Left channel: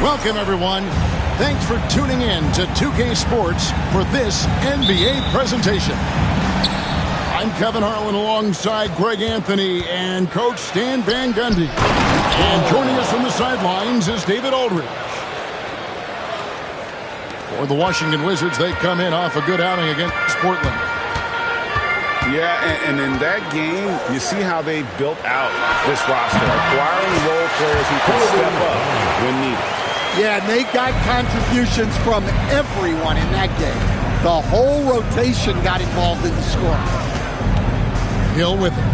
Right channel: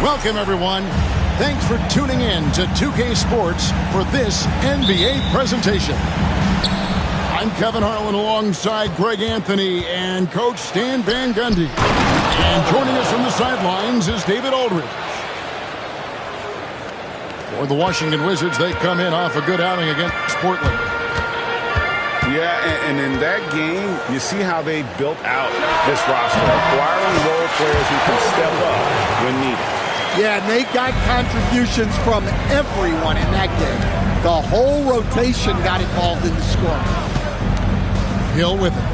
Welcome, everyone. Thanks for tuning in to 2K Sports for this NBA presentation. I'm Kevin Harlan alongside Greg Anthony and Coach Stan Van Gundy. And joining us from the sidelines is David Aldridge. For the Washington Wizards, they come in off a good outing against Portland. Yeah, and in that game, you see how they built out this roster, acquiring role players who can step up when needed. Yeah, and they got contributions from everyone in that game. The whole rotation got involved in the scoring. Hill with it.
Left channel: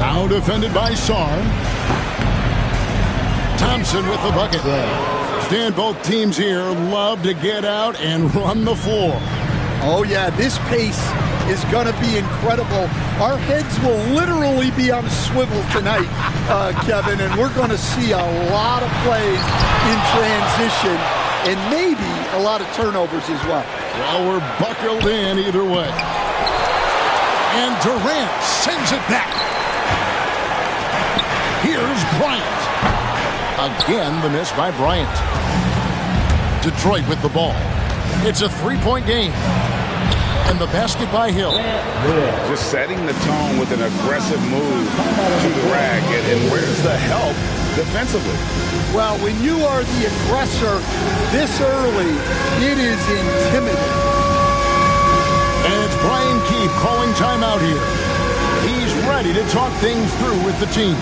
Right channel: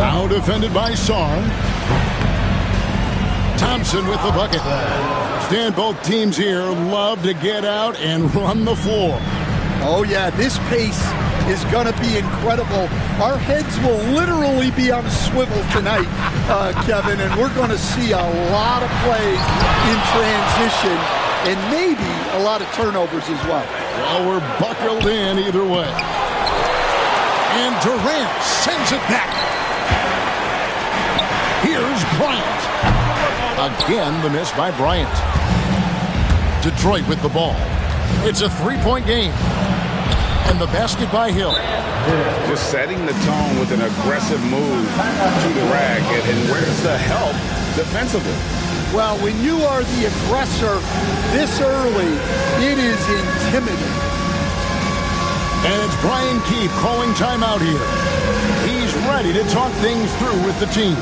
Now defended by Sarr. Thompson with the bucket. Stan, both teams here love to get out and run the floor. Oh, yeah, this pace is going to be incredible. Our heads will literally be on a swivel tonight, Kevin, and we're going to see a lot of plays in transition and maybe a lot of turnovers as well. Well, we're buckled in either way. And Durant sends it back. Here's Bryant. Again, the miss by Bryant. Detroit with the ball. It's a three-point game. And the basket by Hill. Just setting the tone with an aggressive move to the rack. And where's the help defensively? Well, when you are the aggressor this early, it is intimidating. And it's Brian Keefe calling timeout here. He's ready to talk things through with the team.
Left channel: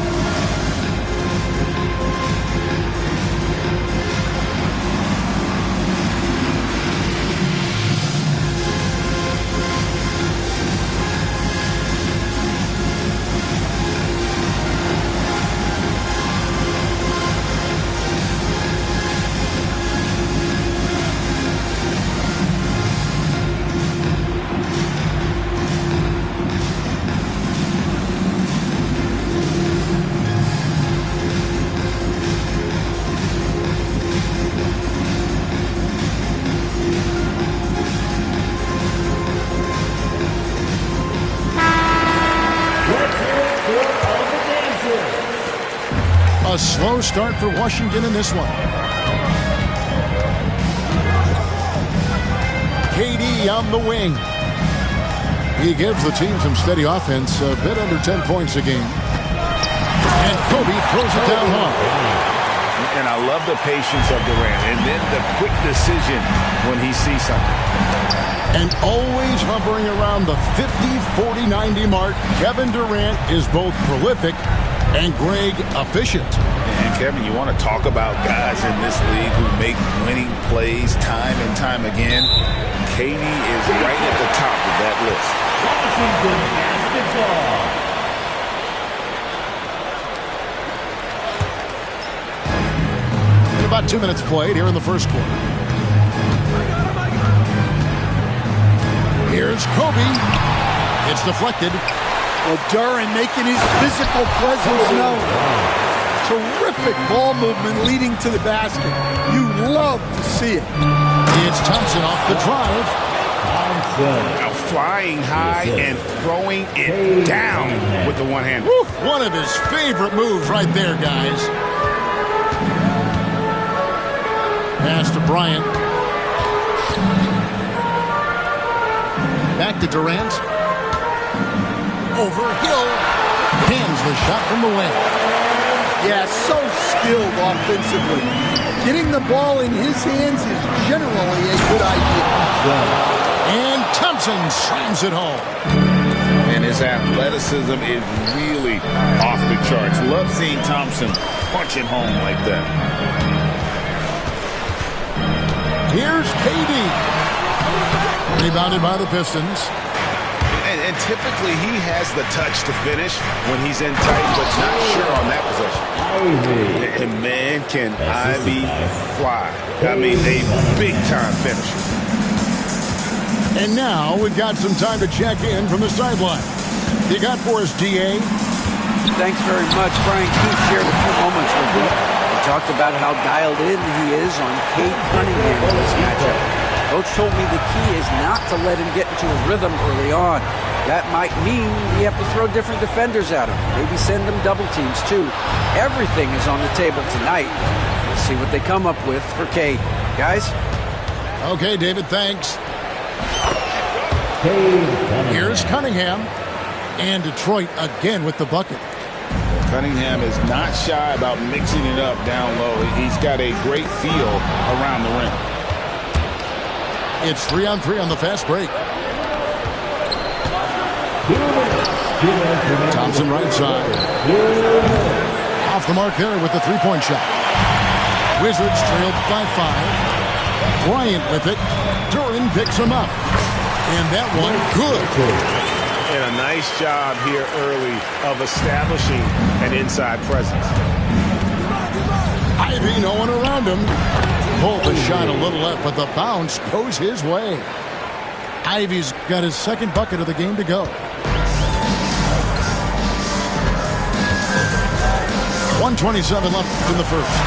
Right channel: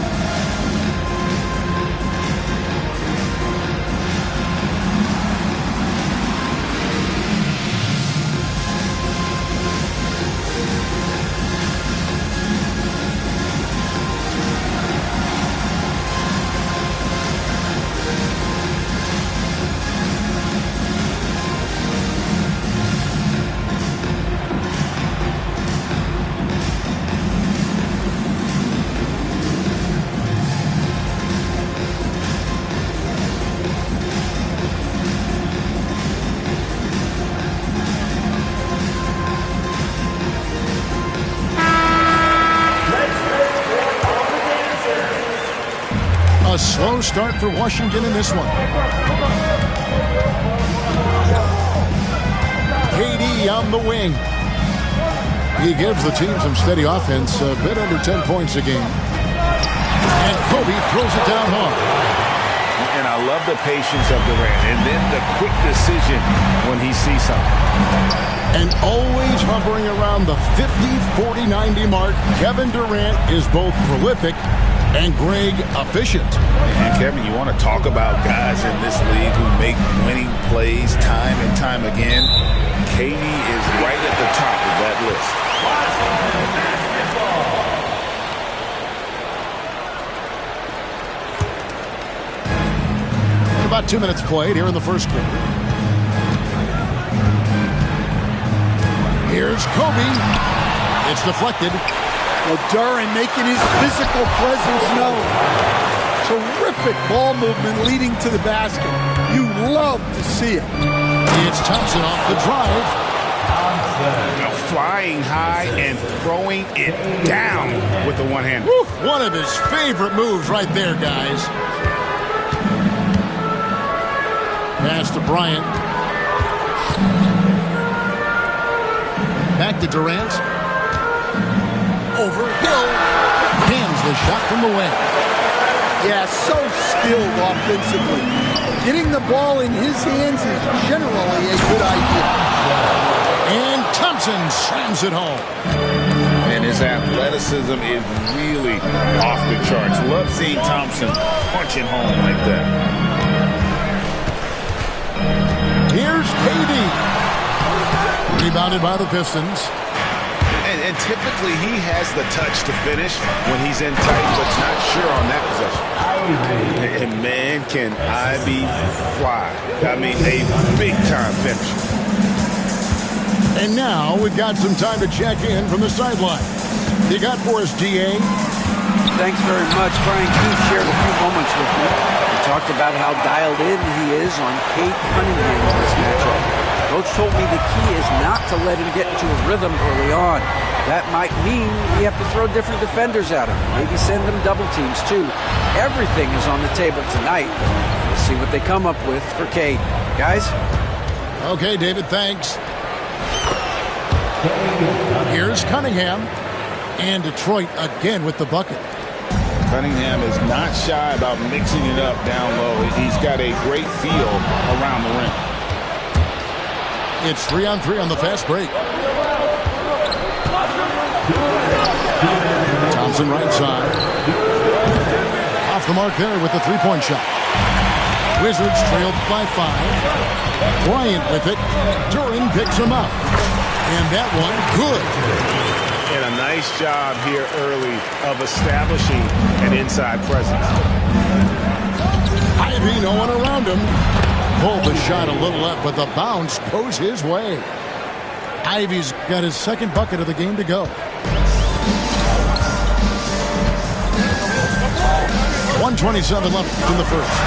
A slow start for Washington in this one. KD on the wing. He gives the team some steady offense, a bit under 10 points a game. And Kobe throws it down hard. And I love the patience of Durant, and then the quick decision when he sees something. And always hovering around the 50, 40, 90 mark, Kevin Durant is both prolific and Greg efficient. And Kevin, you want to talk about guys in this league who make winning plays time and time again? KD is right at the top of that list. And about 2 minutes played here in the first quarter. Here's Kobe. It's deflected. Well, Duran making his physical presence known. Terrific ball movement leading to the basket. You love to see it. It's Thompson off the drive. Now flying high and throwing it down with the one hand. Woo, one of his favorite moves right there, guys. Pass to Bryant. Back to Durant. Over Hill. Cans the shot from the wing. Yeah, so skilled offensively. Getting the ball in his hands is generally a good idea. And Thompson slams it home. And his athleticism is really off the charts. Love seeing Thompson punching home like that. Here's KD. Rebounded by the Pistons. And typically he has the touch to finish when he's in tight, but not sure on that possession. And man, can Ivy fly. I mean, a big-time finisher. And now we've got some time to check in from the sideline. You got for us, DA? Thanks very much. Brian Keefe shared a few moments with me. He talked about how dialed in he is on Cade Cunningham in this matchup. Coach told me the key is not to let him get into a rhythm early on. That might mean we have to throw different defenders at him. Maybe send them double teams, too. Everything is on the table tonight. Let's see what they come up with for Cade. Guys? Okay, David, thanks. Here's Cunningham. And Detroit again with the bucket. Cunningham is not shy about mixing it up down low. He's got a great feel around the rim. It's 3-on-3 on the fast break. Thompson right side. Off the mark there with the three-point shot. Wizards trailed by 5. Bryant with it. Duren picks him up. And that one, good. And a nice job here early of establishing an inside presence. Ivey, no one around him. Pulled the shot a little left, but the bounce goes his way. Ivey's got his second bucket of the game to go. 1:27 left in the first.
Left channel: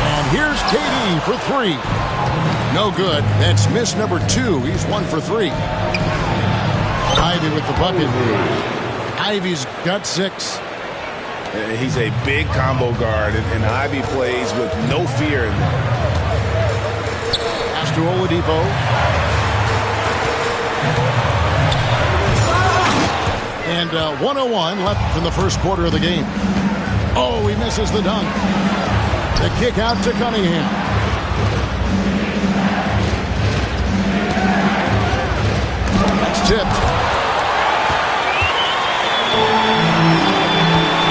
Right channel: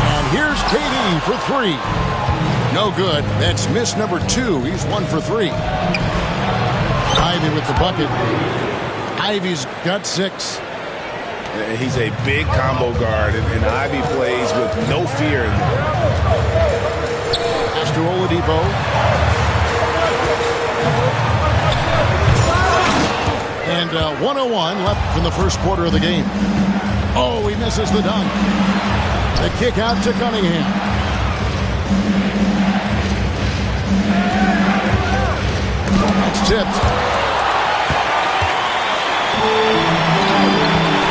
And here's KD for 3. No good. That's miss number 2. He's 1 for 3. Ivey with the bucket. Ivey's got 6. He's a big combo guard, and Ivey plays with no fear in there. Pass to Oladipo. And 1:01 left in the first quarter of the game. Oh, he misses the dunk. The kick out to Cunningham. That's tipped.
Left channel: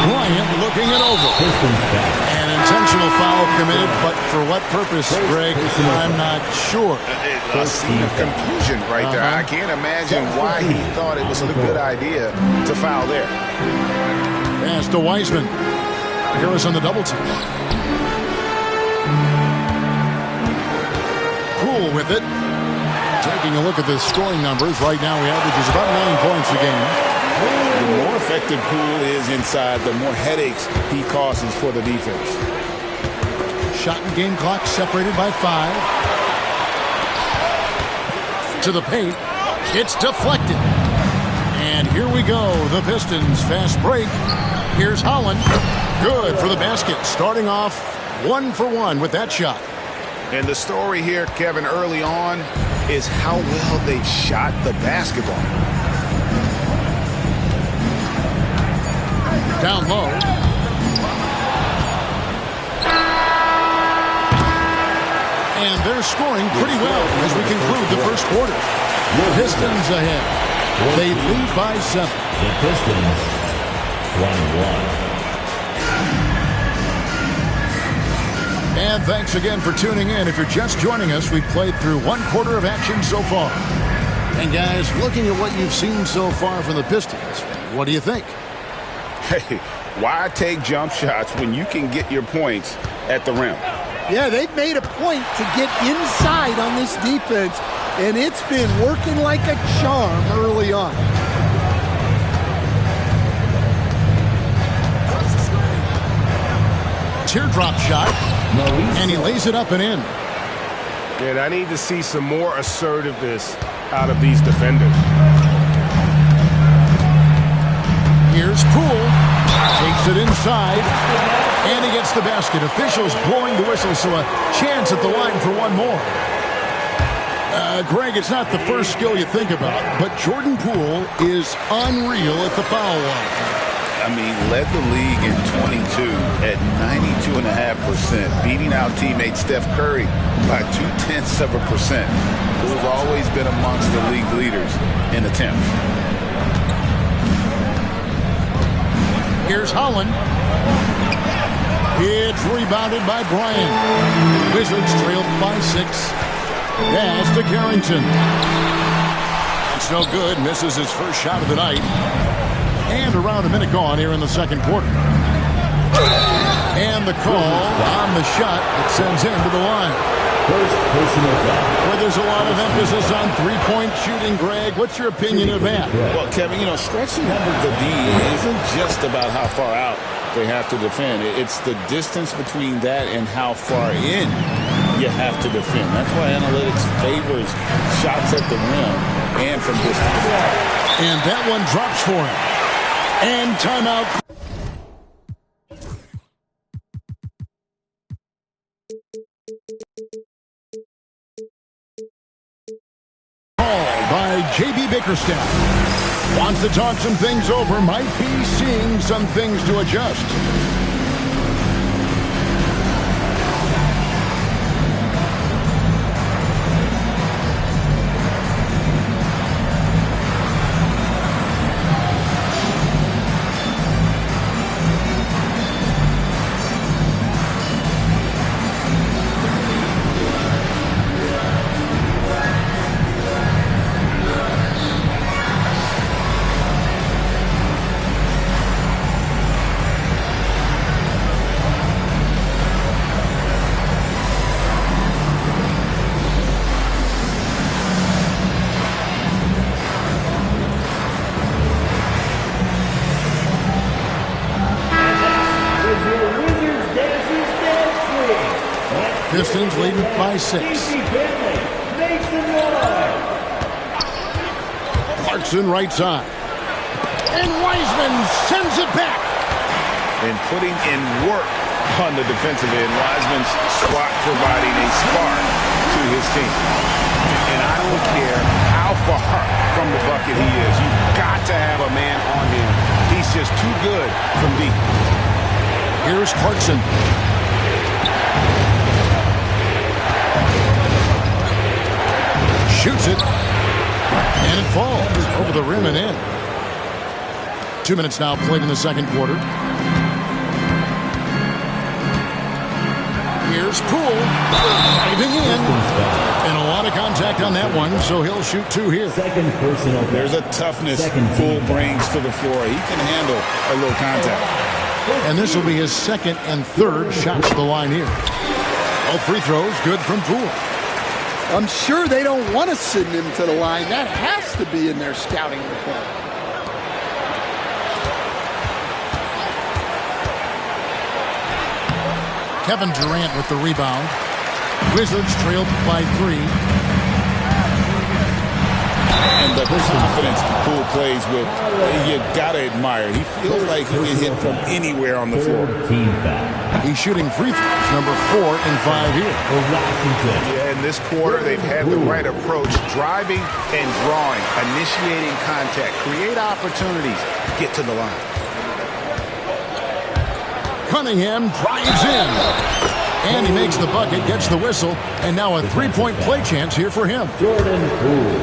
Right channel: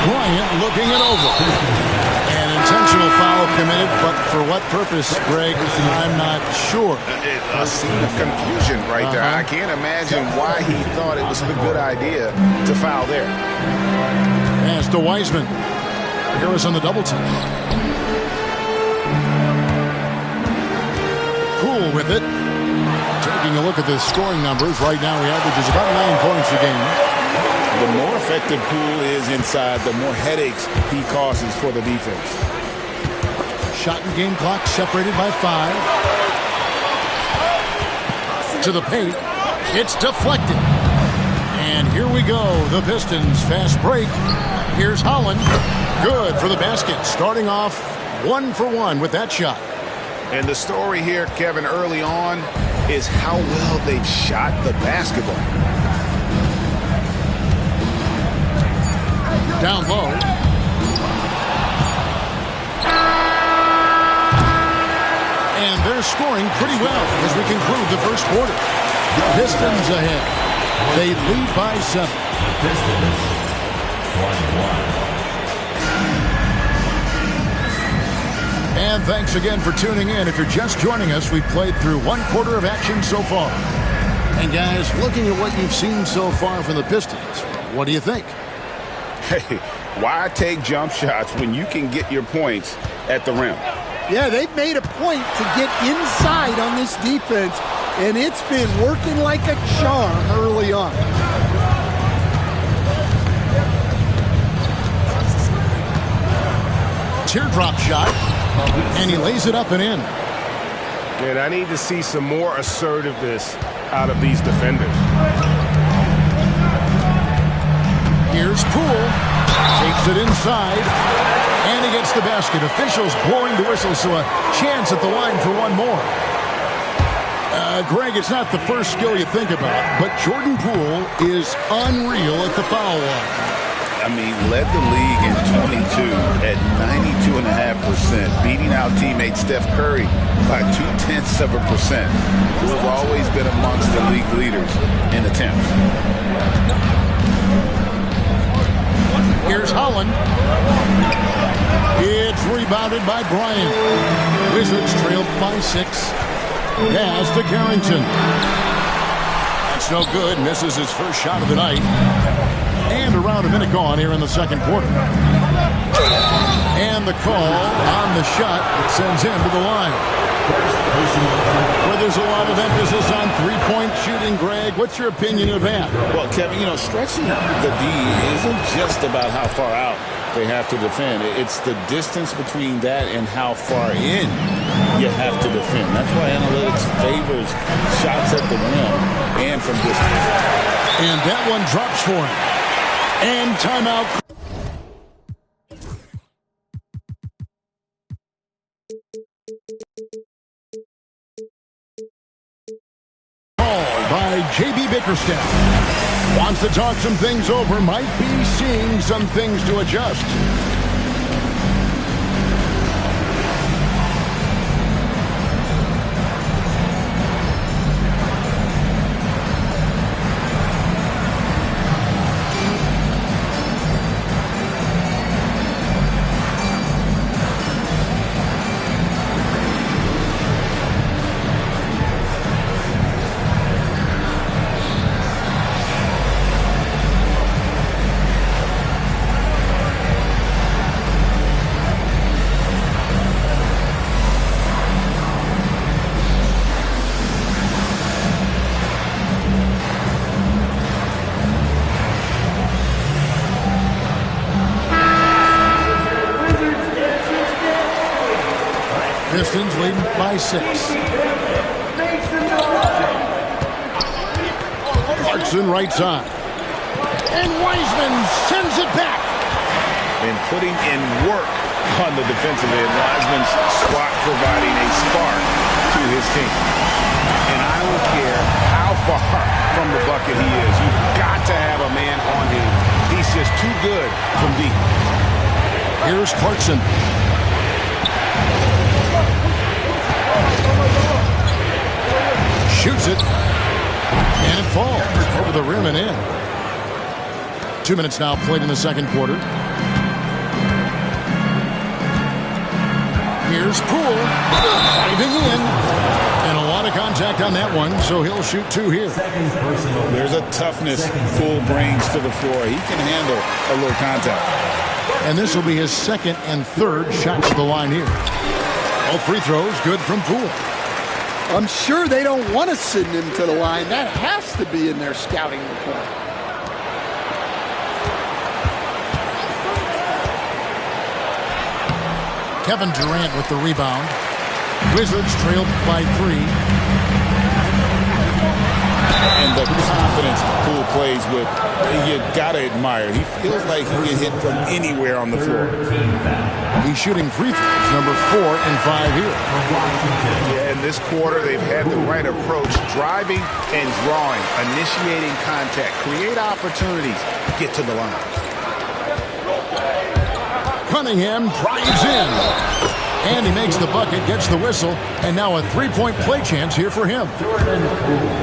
Bryant looking it over. An intentional foul committed, but for what purpose, Greg, I'm not sure. A scene of confusion right there. I can't imagine why he thought it was a good idea to foul there. Pass to Wiseman. Harris on the double team. Poole with it. Taking a look at the scoring numbers, right now he averages about 9 points a game. The more effective Poole is inside, the more headaches he causes for the defense. Shot and game clock separated by 5. To the paint. It's deflected. And here we go. The Pistons fast break. Here's Holland. Good for the basket. Starting off 1 for 1 with that shot. And the story here, Kevin, early on is how well they've shot the basketball. Down low. And they're scoring pretty well as we conclude the first quarter. The Pistons ahead. They lead by 7. The Pistons 21. And thanks again for tuning in. If you're just joining us, we've played through 1 quarter of action so far. And guys, looking at what you've seen so far from the Pistons, what do you think? Hey, why take jump shots when you can get your points at the rim? Yeah, they've made a point to get inside on this defense, and it's been working like a charm early on. Teardrop shot, and he lays it up and in. And I need to see some more assertiveness out of these defenders. Here's Poole. Takes it inside. And he gets the basket. Officials blowing the whistle, so a chance at the line for one more. Greg, it's not the first skill you think about, but Jordan Poole is unreal at the foul line. I mean, led the league in 22 at 92.5%, beating out teammate Steph Curry by 0.2%. Poole's always been amongst the league leaders in attempts. Here's Holland. It's rebounded by Bryant. Wizards trailed by 6. Pass to Carrington. That's no good. Misses his first shot of the night. And around a minute gone here in the second quarter. And the call on the shot that sends him to the line. Where there's a lot of emphasis on three-point shooting, Greg. What's your opinion of that? Well, Kevin, stretching the D isn't just about how far out they have to defend. It's the distance between that and how far in you have to defend. That's why analytics favors shots at the rim and from distance. And that one drops for him. And timeout. called by J.B. Bickerstaff. Wants to talk some things over, might be seeing some things to adjust. Pistons leading by 6. Clarkson right side. And Wiseman sends it back. And putting in work on the defensive end. Wiseman's squat providing a spark to his team. And I don't care how far from the bucket he is. You've got to have a man on him. He's just too good from deep. Here's Clarkson. Shoots it. And it falls over the rim and in. 2 minutes now played in the second quarter. Here's Poole driving in. And a lot of contact on that one, so he'll shoot 2 here. There's a toughness Poole brings to the floor. He can handle a little contact. And this will be his second and third shots to the line here. All free throws good from Poole. I'm sure they don't want to send him to the line. That has to be in their scouting report. Kevin Durant with the rebound. Wizards trailed by 3. And the confidence Poole plays with, you gotta admire. He feels like he can hit from anywhere on the floor. He's shooting free throws, number 4 and 5 here. Yeah, in this quarter, they've had the right approach, driving and drawing, initiating contact, create opportunities, get to the line. Cunningham drives in. And he makes the bucket, gets the whistle, and now a 3-point play chance here for him.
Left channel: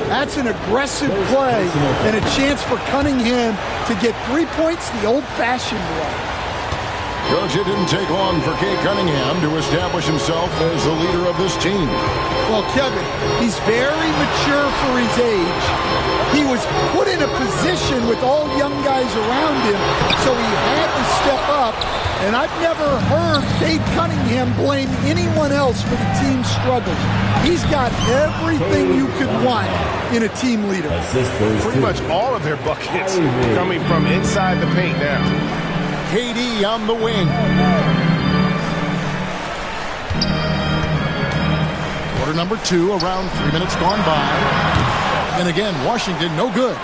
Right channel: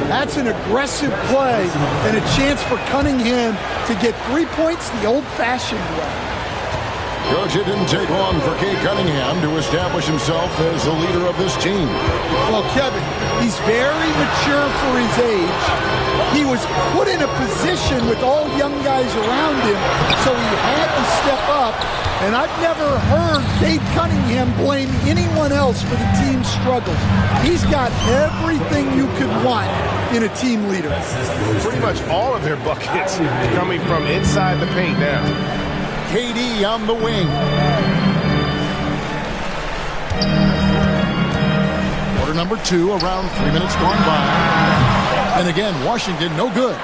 That's an aggressive play and a chance for Cunningham to get 3 points the old-fashioned way. Coach, it didn't take long for Cade Cunningham to establish himself as the leader of this team. Well, Kevin, he's very mature for his age. He was put in a position with all young guys around him, so he had to step up. And I've never heard Cade Cunningham blame anyone else for the team's struggles. He's got everything you could want in a team leader. Pretty much all of their buckets coming from inside the paint now. KD on the wing. Quarter number 2, around 3 minutes gone by. And again, Washington no good.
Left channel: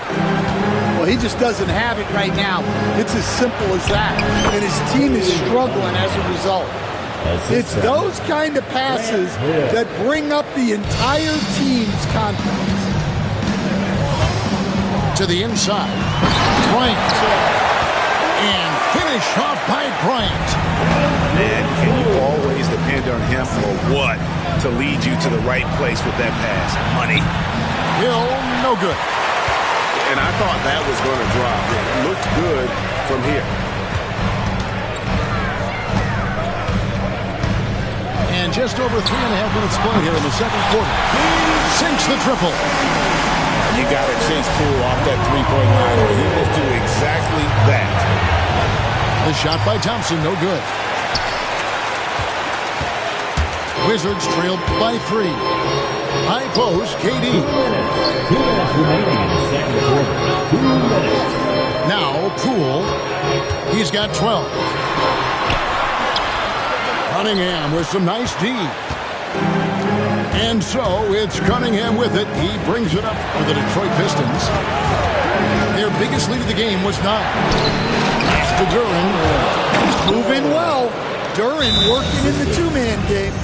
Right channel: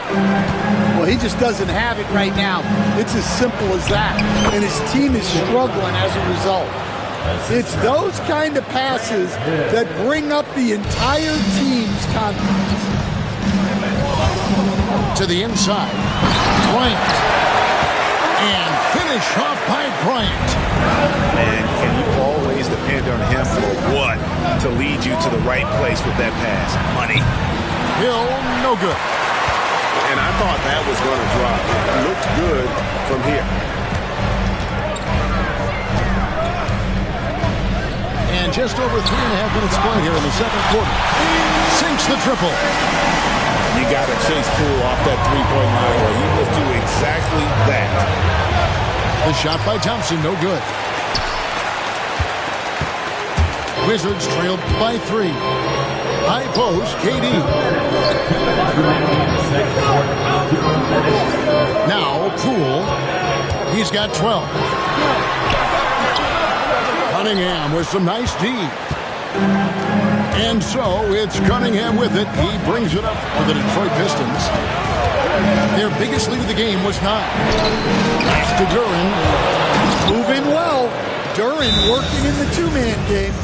Well, he just doesn't have it right now. It's as simple as that. And his team is struggling as a result. It's those kind of passes that bring up the entire team's confidence. To the inside. Bryant. And finish off by Bryant. Man, can you always depend on him for what? To lead you to the right place with that pass. Money. Hill, no good. And I thought that was going to drop. It looked good from here. And just over 3.5 minutes play here in the second quarter. Sinks the triple. You got to chase Poole off that three-point line, or he will do exactly that. The shot by Thompson, no good. Wizards trailed by 3. High post, KD. Now Poole. He's got 12. Cunningham with some nice D. And so it's Cunningham with it. He brings it up for the Detroit Pistons. Their biggest lead of the game was 9. Pass to Duren. He's moving well. Duren working in the two-man game.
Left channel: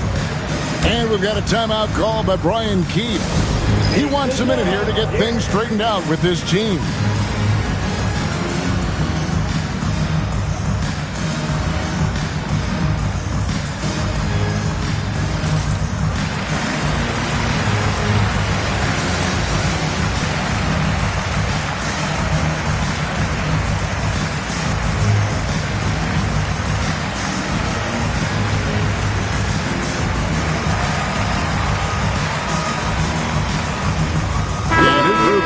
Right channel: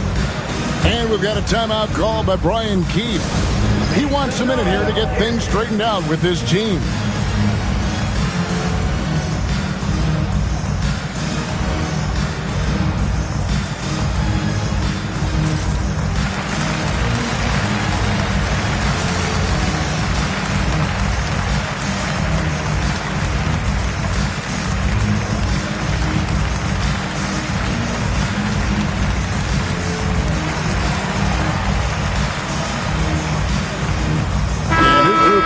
And we've got a timeout call by Brian Keefe. He wants a minute here to get things straightened out with his team.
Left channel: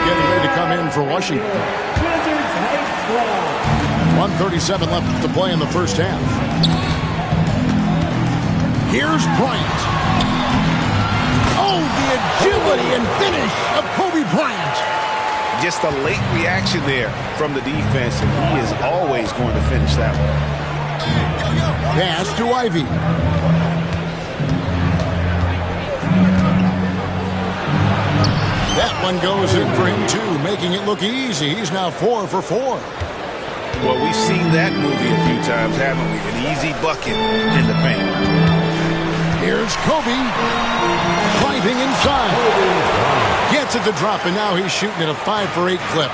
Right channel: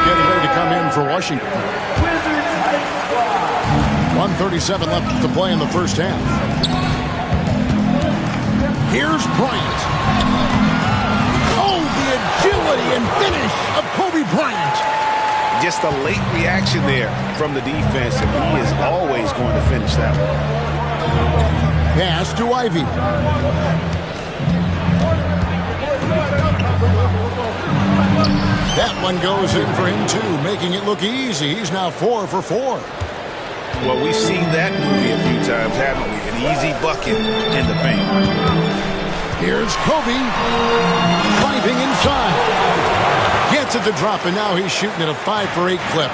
Getting ready to come in for Washington. 1:37 left to play in the first half. Here's Bryant. Oh, the agility and finish of Kobe Bryant. Just a late reaction there from the defense, and he is always going to finish that one. Pass to Ivy. That one goes in for him, too, making it look easy. He's now 4 for 4. Well, we've seen that movie a few times, haven't we? An easy bucket in the paint. Here's Kobe. Driving inside. Gets it to drop, and now he's shooting at a 5 for 8 clip.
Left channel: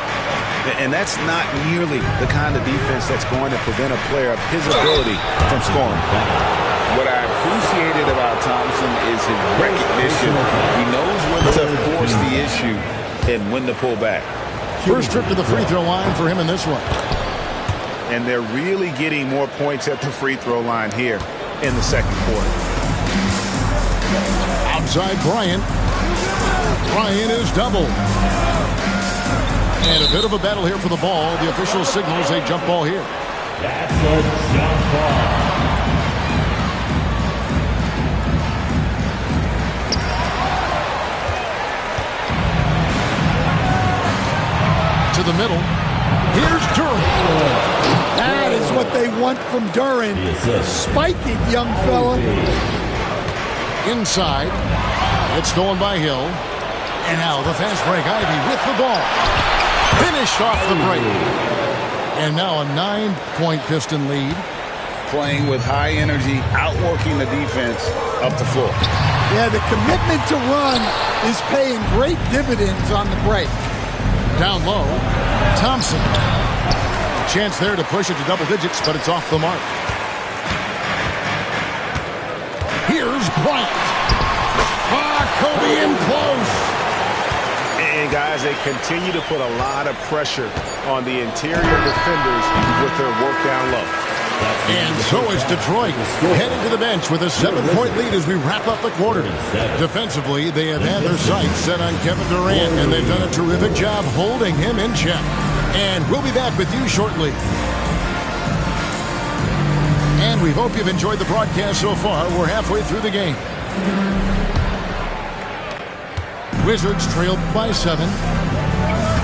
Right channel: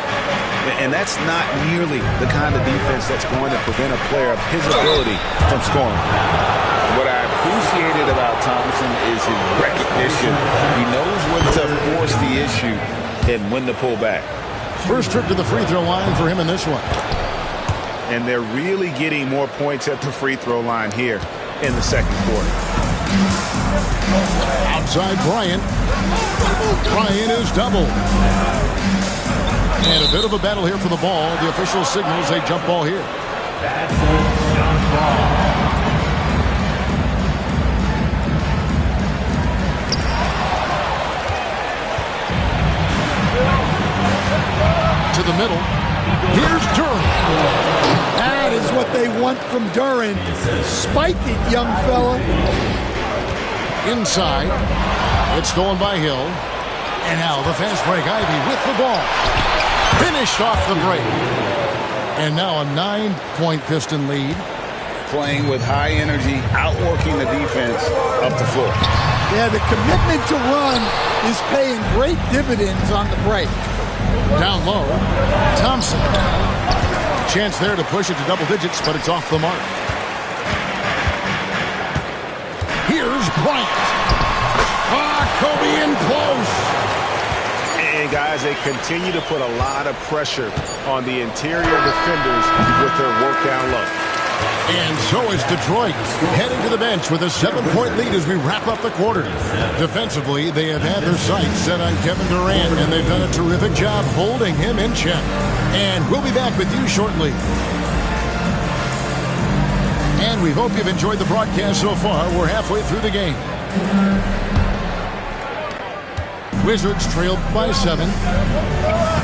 And that's not nearly the kind of defense that's going to prevent a player of his ability from scoring. What I appreciated about Thompson is his recognition. He knows when to force the issue and when to pull back. First trip to the free throw line for him in this one. And they're really getting more points at the free throw line here in the second quarter. Outside Bryant. Bryant is doubled. And a bit of a battle here for the ball. The official signals a jump ball here. That's a jump ball. To the middle. Here's Duren. That is what they want from Duren. Spike it, young fella. Inside. It's stolen by Hill. And now the fast break. Ivy with the ball. Finished off the break. And now a 9-point Piston lead. Playing with high energy, outworking the defense up the floor. Yeah, the commitment to run is paying great dividends on the break. Down low, Thompson. Chance there to push it to double digits, but it's off the mark. Here's Bryant. Kobe in close. And guys, they continue to put a lot of pressure on the interior defenders with their work down low. And so is Detroit, heading to the bench with a 7-point lead as we wrap up the quarter. Defensively, they have had their sights set on Kevin Durant, and they've done a terrific job holding him in check. And we'll be back with you shortly. And we hope you've enjoyed the broadcast so far. We're halfway through the game. Wizards trailed by 7.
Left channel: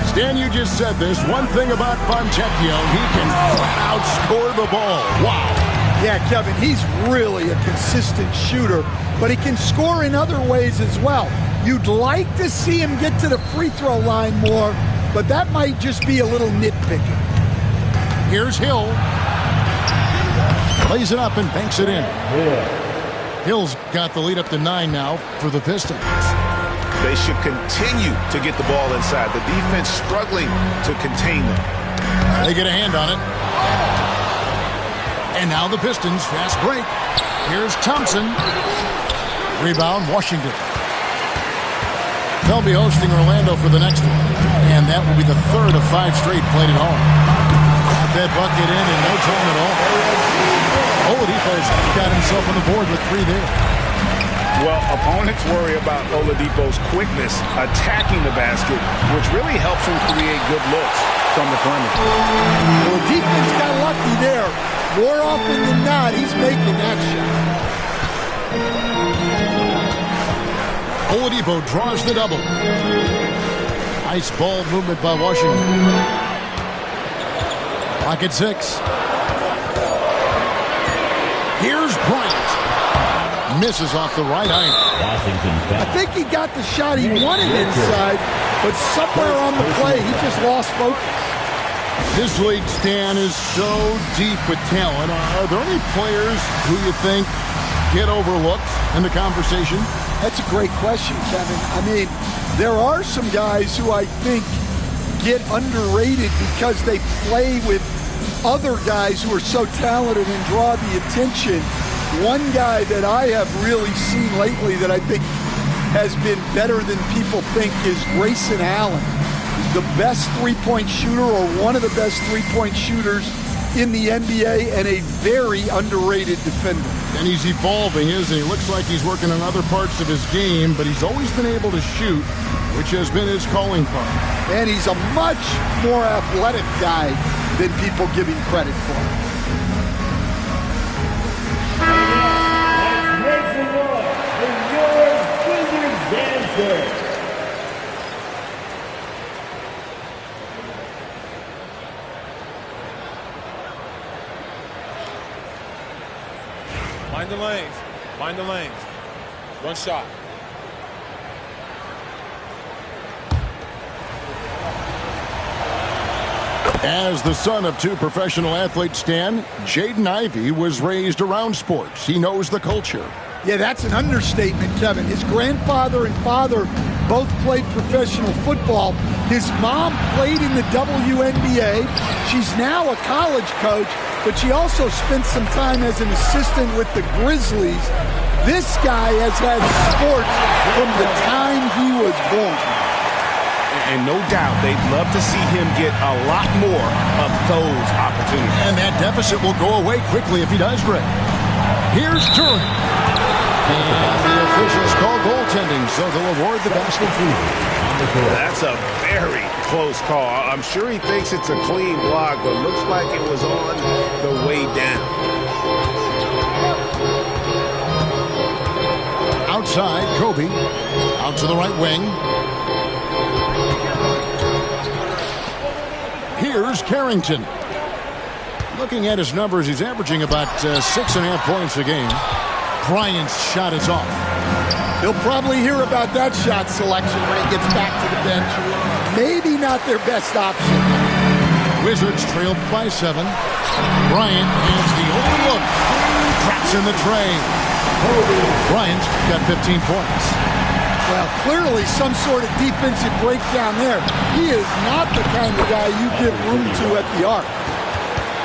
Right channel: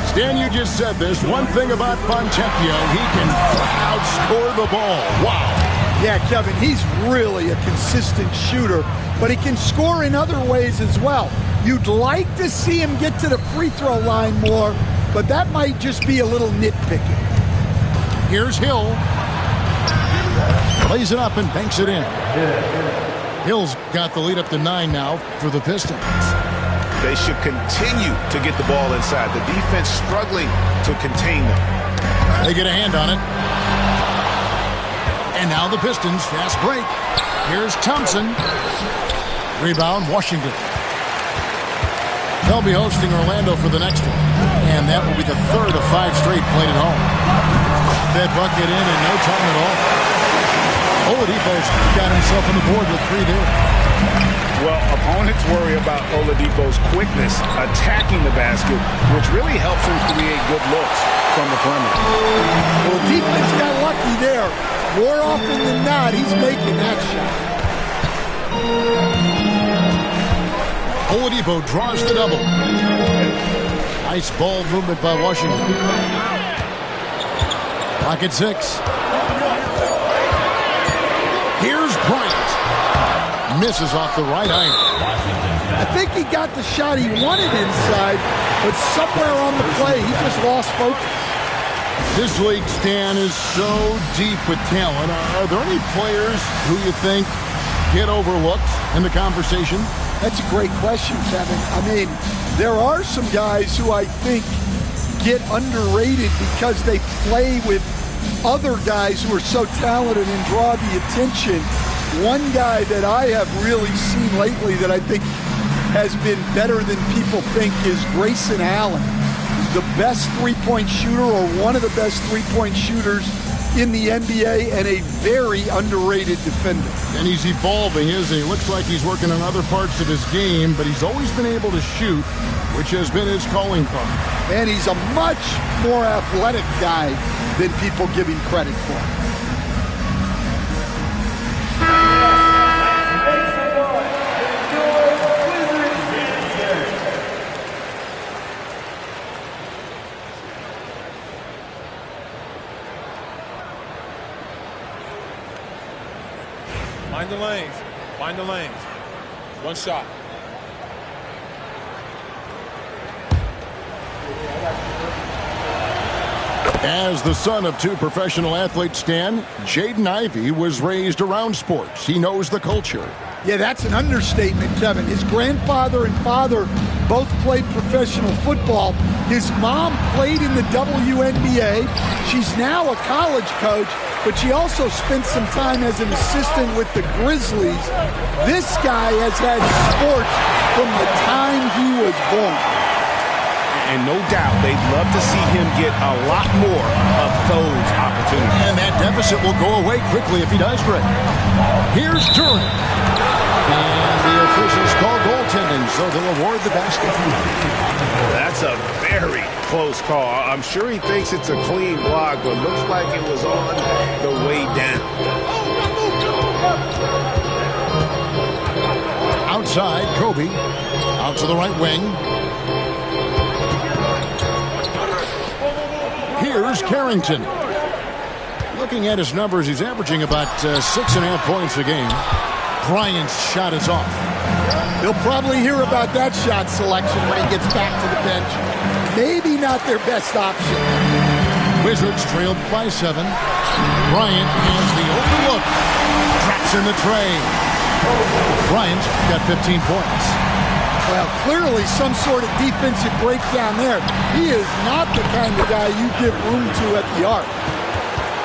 Stan, you just said this. One thing about Fontecchio, he can flat out score the ball. Wow. Yeah, Kevin, he's really a consistent shooter, but he can score in other ways as well. You'd like to see him get to the free throw line more, but that might just be a little nitpicking. Here's Hill. Plays it up and banks it in. Hill's got the lead up to 9 now for the Pistons. They should continue to get the ball inside. The defense struggling to contain them. They get a hand on it. And now the Pistons, fast break. Here's Thompson. Rebound, Washington. They'll be hosting Orlando for the next one. And that will be the third of 5 straight played at home. Got that bucket in no time at all. Oladipo's got himself on the board with 3 there. Well, opponents worry about Oladipo's quickness attacking the basket, which really helps him create good looks from the perimeter. Well, defense got lucky there. More often than not, he's making that shot. Oladipo draws the double. Nice ball movement by Washington. Clock at 6. Here's Bryant. Misses off the right iron. I think he got the shot he wanted inside, but somewhere on the play, he just lost focus. This league, Stan, is so deep with talent. Are there any players who you think get overlooked in the conversation? That's a great question, Kevin. I mean, There are some guys who I think get underrated because they play with other guys who are so talented and draw the attention. One guy that I have really seen lately that I think has been better than people think is Grayson Allen. He's the best three-point shooter, or one of the best three-point shooters in the NBA, and a very underrated defender. And he's evolving, isn't he? Looks like he's working on other parts of his game, but he's always been able to shoot, which has been his calling card. And he's a much more athletic guy than people give him credit for. Let's make some noise for your Wizards dancer. Mind the lanes. Mind the lanes. One shot. As the son of two professional athletes, Stan, Jaden Ivey was raised around sports. He knows the culture. Yeah, that's an understatement, Kevin. His grandfather and father both played professional football. His mom played in the WNBA. She's now a college coach, but she also spent some time as an assistant with the Grizzlies. This guy has had sports from the time he was born. And no doubt they'd love to see him get a lot more of those opportunities. And that deficit will go away quickly if he does great. Here's Duran. And the officials call goaltending, so they'll award the basket. That's a very close call. I'm sure he thinks it's a clean block, but looks like it was on the way down. Outside, Kobe. Out to the right wing. Here's Carrington. Looking at his numbers, he's averaging about 6.5 points a game. Bryant's shot is off. He'll probably hear about that shot selection when he gets back to the bench. Maybe not their best option. Wizards trailed by 7. Bryant has the open look. Drops in the tray. Bryant's got 15 points. Well, clearly some sort of defensive breakdown there. He is not the kind of guy you give room to at the arc.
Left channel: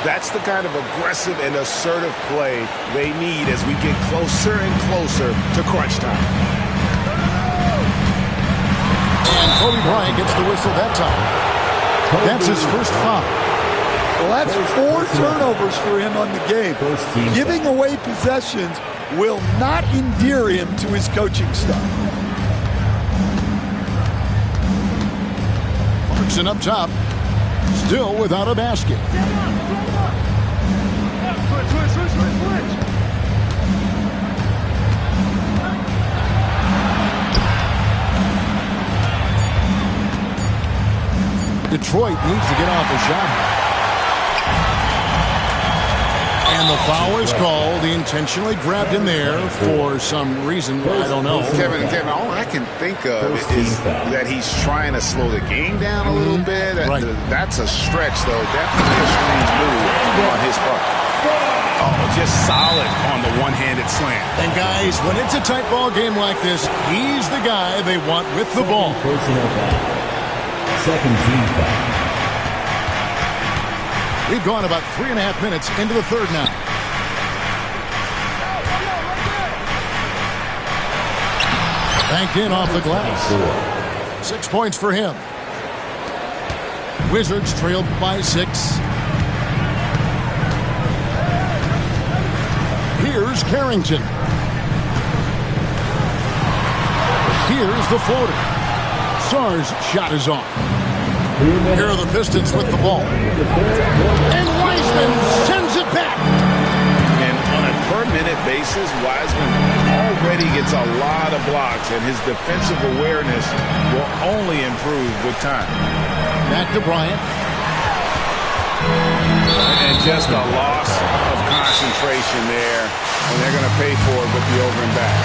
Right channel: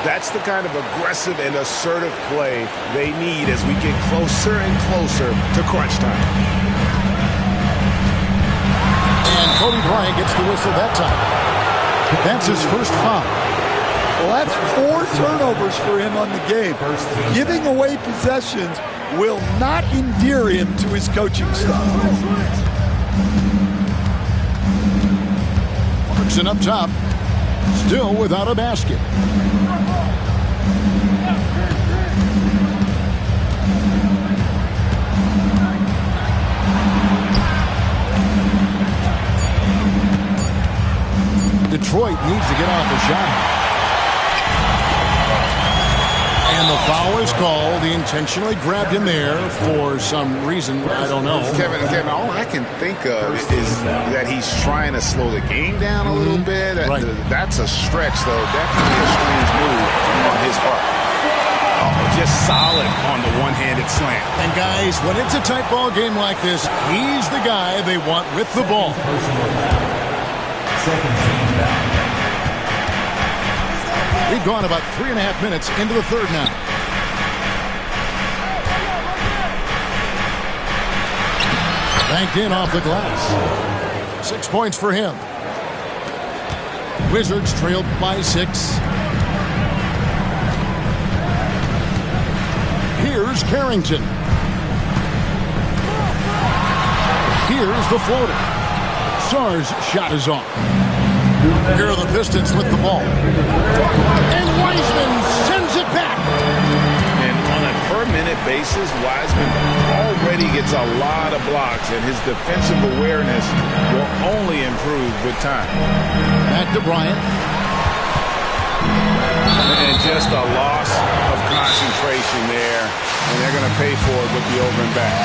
That's the kind of aggressive and assertive play they need as we get closer and closer to crunch time. And Kobe Bryant gets the whistle that time. That's his first foul. Well, that's 4 turnovers for him on the game. Giving away possessions will not endear him to his coaching staff. Clarkson up top, still without a basket. Detroit needs to get off a shot. And the foul is called. He intentionally grabbed him there for some reason. I don't know. Kevin, all I can think of is that he's trying to slow the game down a little bit. Right. That's a stretch, though. Definitely a strange move on his part. Oh, just solid on the one-handed slam. And guys, when it's a tight ball game like this, he's the guy they want with the ball. Personal foul. Second team foul. We've gone about 3.5 minutes into the third now. Banked in off the glass. 6 points for him. Wizards trailed by 6. Here's Carrington. Here's the floater. Sarr's shot is off. Here are the Pistons with the ball. And Wiseman sends it back. And on a per-minute basis, Wiseman already gets a lot of blocks, and his defensive awareness will only improve with time. Back to Bryant. And just a loss of concentration there, and they're going to pay for it with the over and back.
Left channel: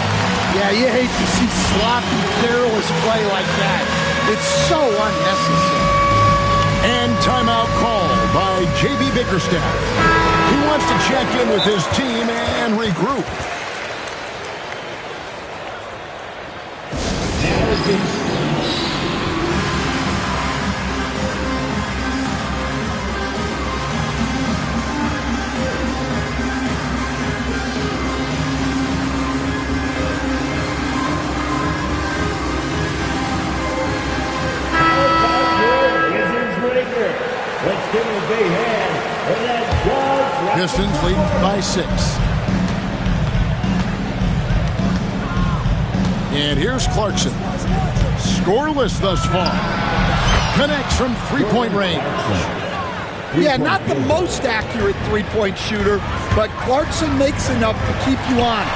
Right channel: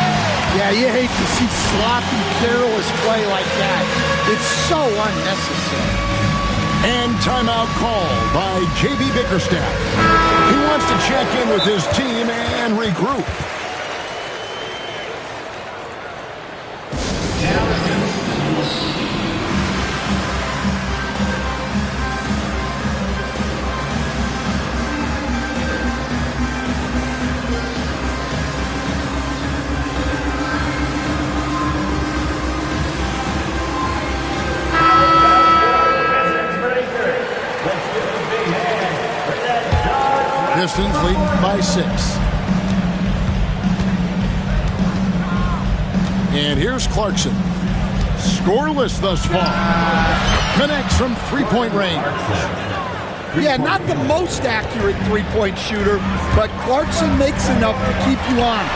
Yeah, you hate to see sloppy, careless play like that. It's so unnecessary. And timeout called by J.B. Bickerstaff. He wants to check in with his team and regroup. Pistons leading by 6. And here's Clarkson. Scoreless thus far. Connects from three-point range. Yeah, not the most accurate three-point shooter, but Clarkson makes enough to keep you honest.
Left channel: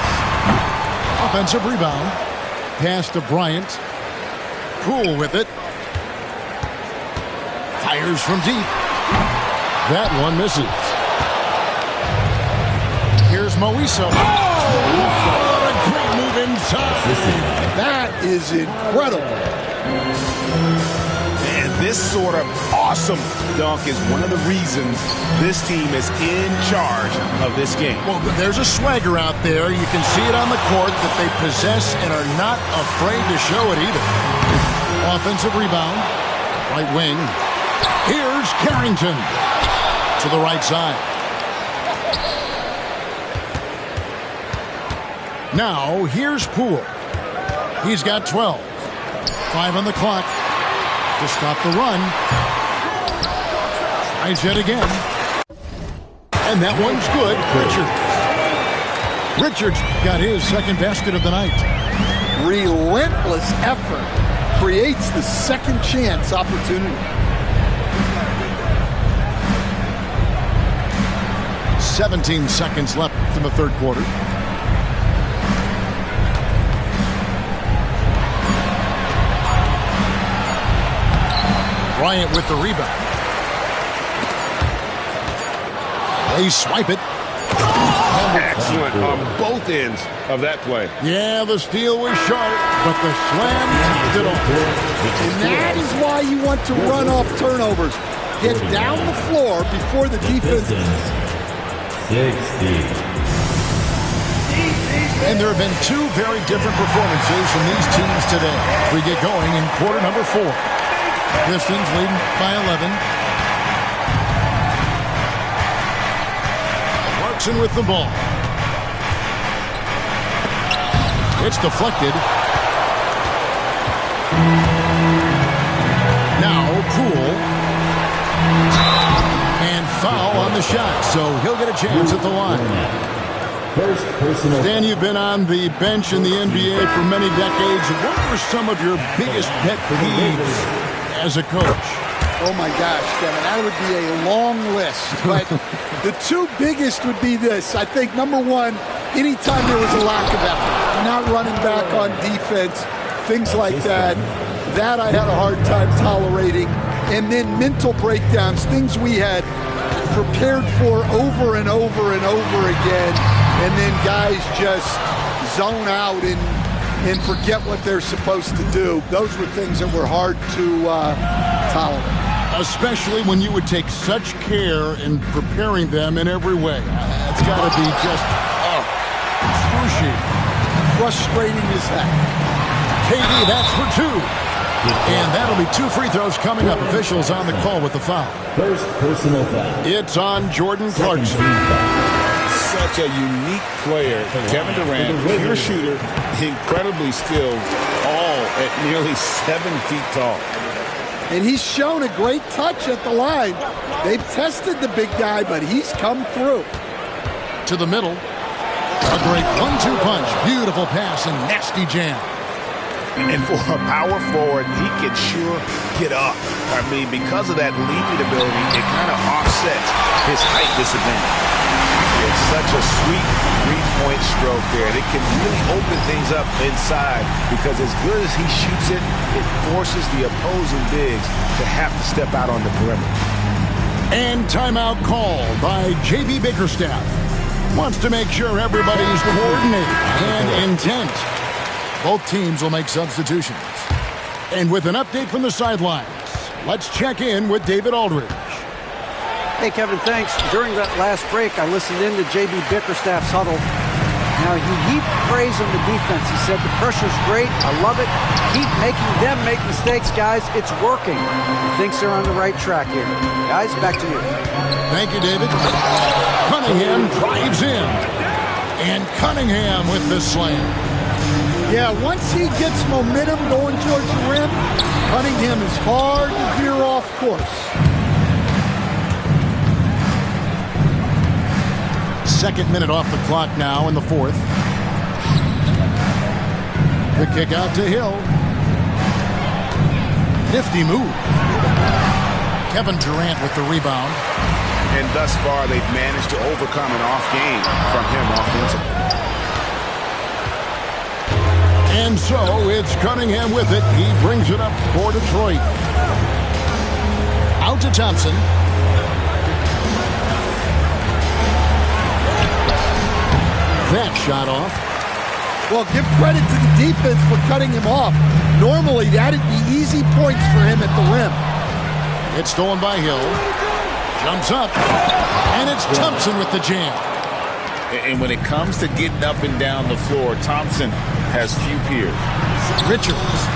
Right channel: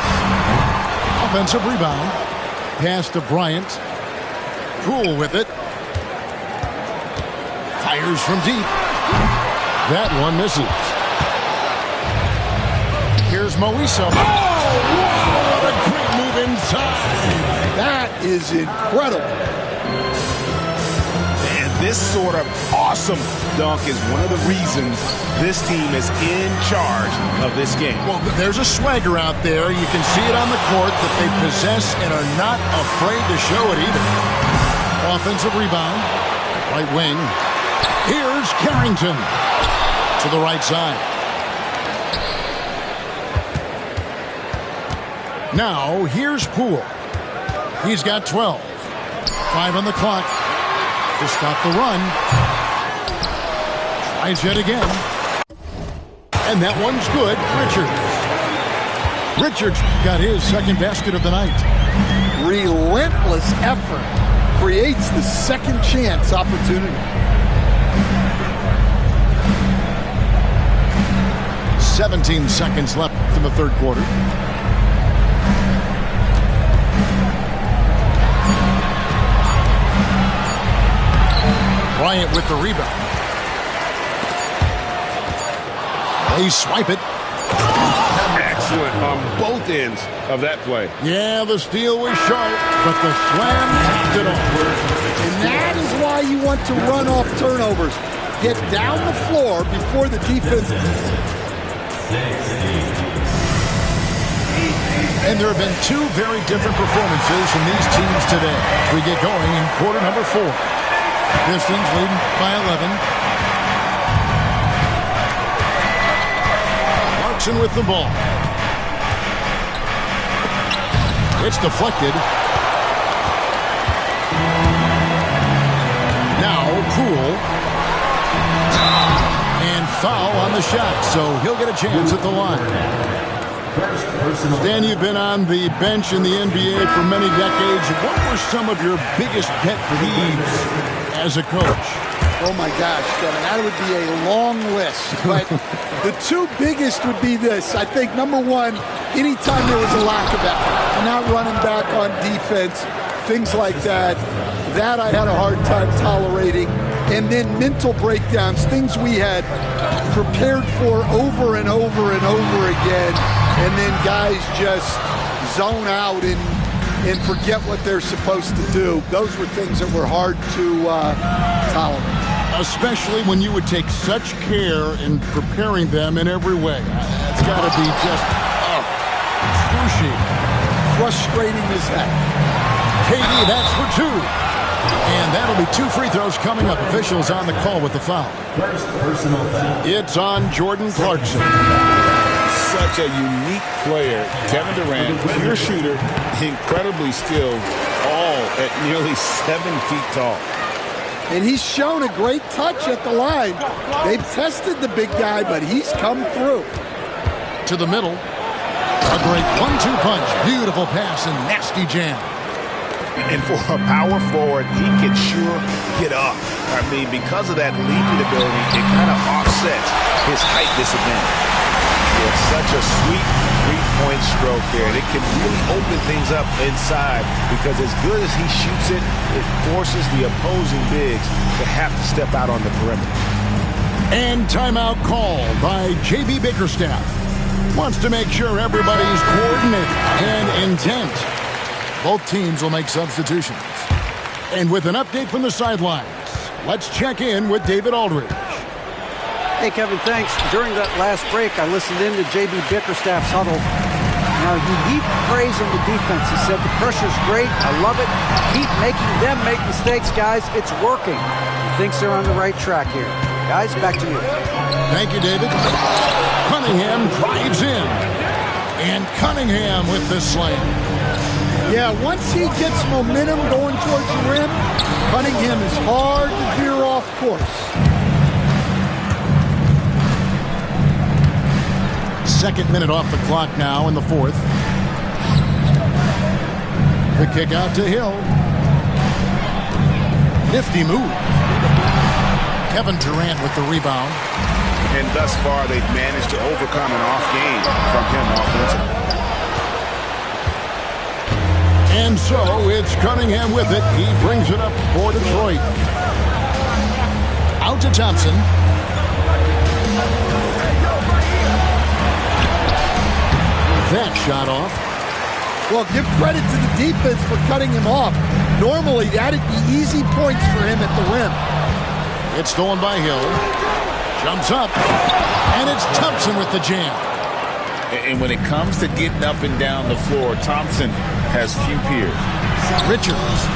Offensive rebound. Pass to Bryant. Poole with it. Fires from deep. That one misses. Here's Moiso. Oh, wow, what a great move inside. That is incredible. And this sort of awesome dunk is one of the reasons this team is in charge of this game. Well, there's a swagger out there. You can see it on the court that they possess and are not afraid to show it either. Offensive rebound. Right wing. Here's Carrington to the right side. Now, here's Poole. He's got 12. 5 on the clock to stop the run. Tries yet again. And that one's good. Richards got his second basket of the night. Relentless effort creates the second chance opportunity. 17 seconds left in the third quarter. Bryant with the rebound. They swipe it. Excellent on both ends of that play. Yeah, the steal was sharp, but the slam topped it off. And that is why you want to run off turnovers. Get down the floor before the defense. And there have been two very different performances from these teams today as we get going in quarter number 4. Pistons leading by 11. Clarkson with the ball. It's deflected. Now Poole. And foul on the shot, so he'll get a chance at the line. Stan, you've been on the bench in the NBA for many decades. What were some of your biggest pet peeves as a coach? Oh my gosh, Kevin, that would be a long list. But the two biggest would be this. I think number one, anytime there was a lack of effort, not running back on defense, things like that, that I had a hard time tolerating. And then mental breakdowns, things we had prepared for over and over and over again, and then guys just zone out and forget what they're supposed to do. Those were things that were hard to tolerate. Especially when you would take such care in preparing them in every way. That's got to be just excruciating. Frustrating as heck. KD, that's for 2. And that'll be 2 free throws coming up. Officials on the call with the foul. First personal foul. It's on Jordan Clarkson. Such a unique player. Kevin Durant, pure shooter, incredibly skilled, all at nearly 7 feet tall. And he's shown a great touch at the line. They've tested the big guy, but he's come through. To the middle. A great 1-2 punch. Beautiful pass and nasty jam. And for a power forward, he can sure get up. I mean, because of that leaping ability, it kind of offsets his height disadvantage. It's such a sweet three-point stroke there. And it can really open things up inside because as good as he shoots it, it forces the opposing bigs to have to step out on the perimeter. And timeout called by J.B. Bickerstaff. Wants to make sure everybody's coordinated and intent. Both teams will make substitutions. And with an update from the sidelines, let's check in with David Aldridge. Hey, Kevin, thanks. During that last break, I listened in to J.B. Bickerstaff's huddle. Now, he heaped praise on the defense. He said, the pressure's great. I love it. Keep making them make mistakes, guys. It's working. He thinks they're on the right track here. Guys, back to you. Thank you, David. Cunningham drives in. And Cunningham with the slam. Yeah, once he gets momentum going towards the rim, Cunningham is hard to veer off course. Second minute off the clock now in the fourth. The kick out to Hill. Nifty move. Kevin Durant with the rebound. And thus far, they've managed to overcome an off game from him offensively. And so it's Cunningham with it. He brings it up for Detroit. Out to Thompson. That shot off. Well, give credit to the defense for cutting him off. Normally, that'd be easy points for him at the rim. It's stolen by Hill. Jumps up. And it's Thompson with the jam. And when it comes to getting up and down the floor, Thompson has few peers. Richards.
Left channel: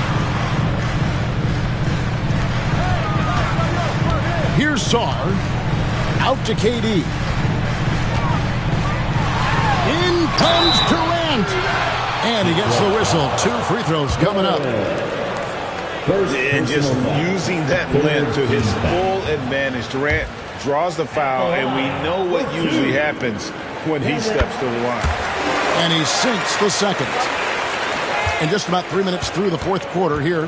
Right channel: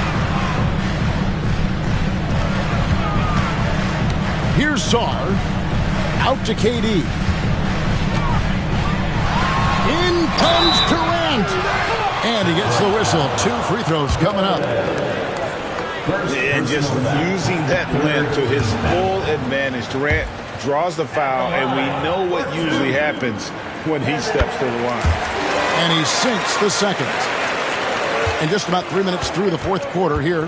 Here's Sarr. Out to KD. In comes Durant. And he gets the whistle. 2 free throws coming up. And just using that length to his full advantage. Durant draws the foul, and we know what usually happens when he steps to the line. And he sinks the second. And just about 3 minutes through the fourth quarter here.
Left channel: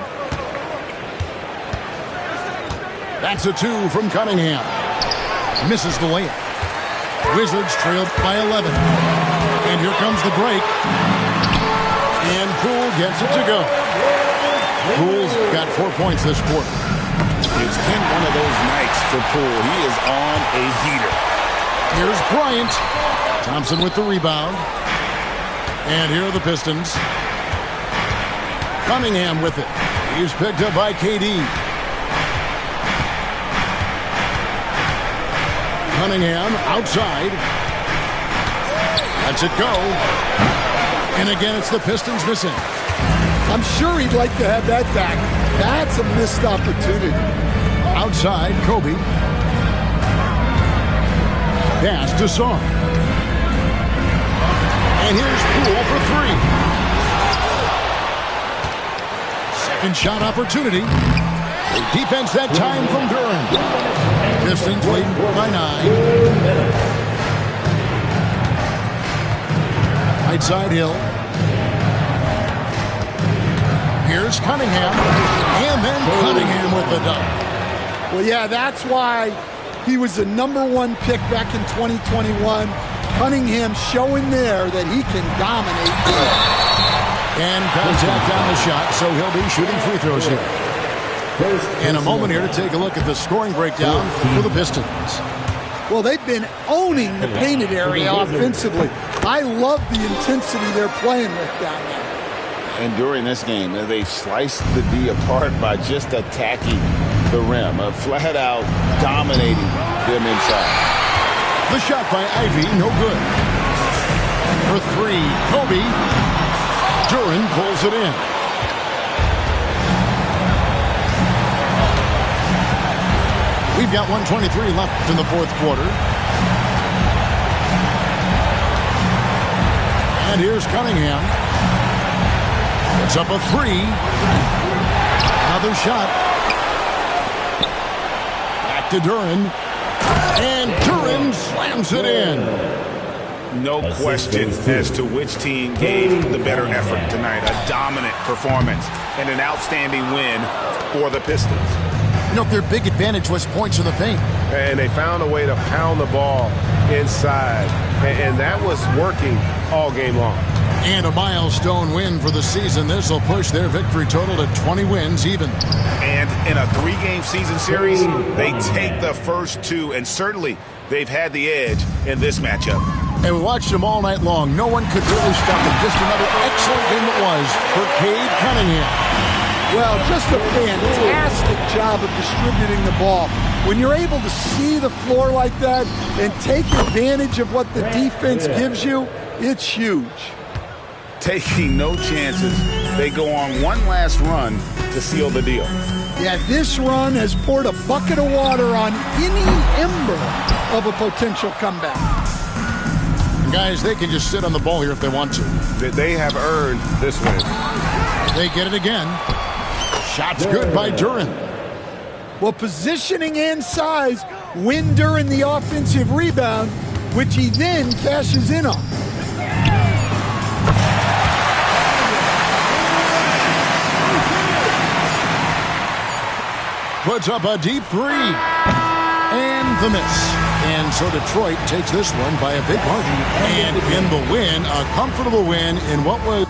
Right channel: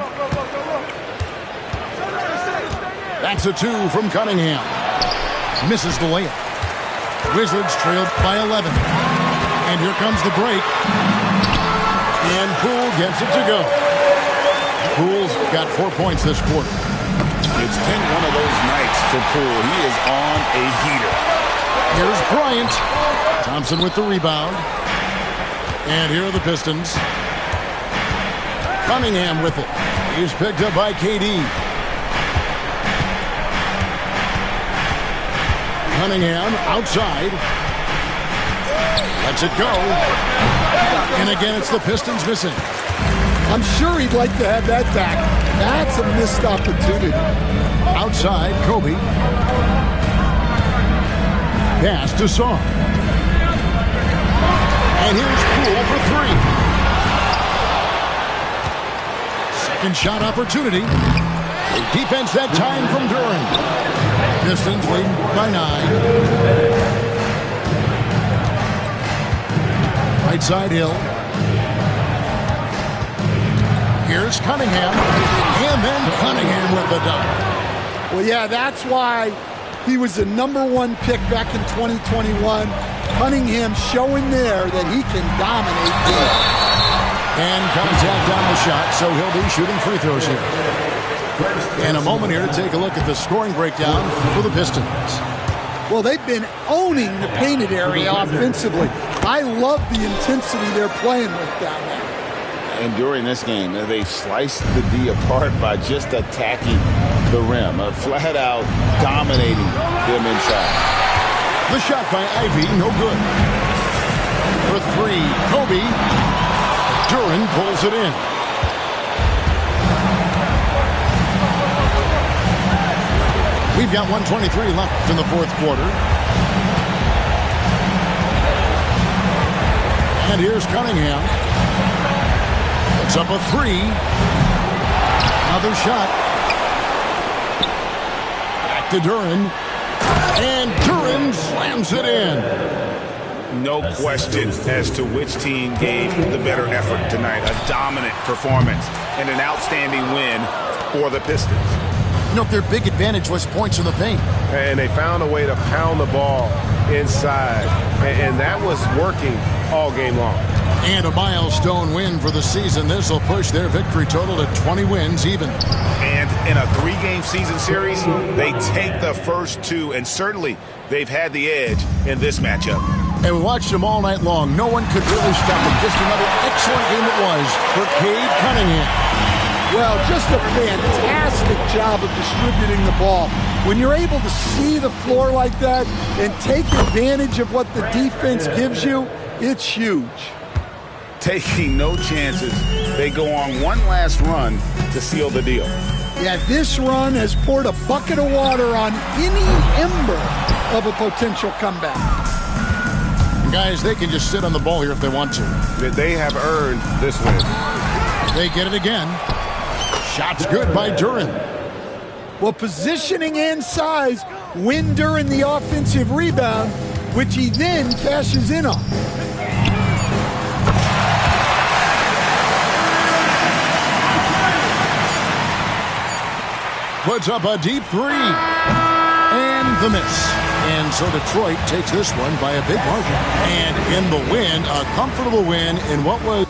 That's a 2 from Cunningham. Misses the layup. Wizards trailed by 11. And here comes the break. And Poole gets it to go. Poole's got 4 points this quarter. It's been one of those nights for Poole. He is on a heater. Here's Bryant. Thompson with the rebound. And here are the Pistons. Cunningham with it. He's picked up by KD. Cunningham outside. Lets it go. And again, it's the Pistons missing. I'm sure he'd like to have that back. That's a missed opportunity. Outside, Kobe. Pass to Sarr. And here's Poole for 3. Second shot opportunity. The defense that time from Duran. Pistons leading by 9. Right side Hill. Here's Cunningham. And then Cunningham with the dunk. Well, yeah, that's why he was the #1 pick back in 2021. Cunningham showing there that he can dominate games. And contact on the shot, so he'll be shooting free throws here. And a moment here to take a look at the scoring breakdown for the Pistons. Well, they've been owning the painted area offensively. I love the intensity they're playing with down there. And during this game, they sliced the D apart by just attacking the rim, flat out dominating them inside. The shot by Ivy, no good. For 3, Kobe. Duran pulls it in. We've got 1:23 left in the fourth quarter. And here's Cunningham. It's up a 3. Another shot. Back to Duran. And Duran slams it in. No question as to which team gave the better effort tonight. A dominant performance and an outstanding win for the Pistons. You know, their big advantage was points in the paint. And they found a way to pound the ball inside. And that was working all game long. And a milestone win for the season. This will push their victory total to 20 wins even. And in a 3-game season series, they take the first 2, and certainly they've had the edge in this matchup. And we watched them all night long. No one could really stop them. Just another excellent game it was for Cade Cunningham. Well, just a fantastic job of distributing the ball. When you're able to see the floor like that and take advantage of what the defense gives you, it's huge. Taking no chances, they go on one last run to seal the deal. Yeah, this run has poured a bucket of water on any ember of a potential comeback. And guys, they can just sit on the ball here if they want to. They have earned this win. They get it again. Shot's good by Duran. Well, positioning and size win Duran the offensive rebound. which he then cashes in on. Puts up a deep three. And the miss. And so Detroit takes this one by a big margin. And in the win, a comfortable win in what was...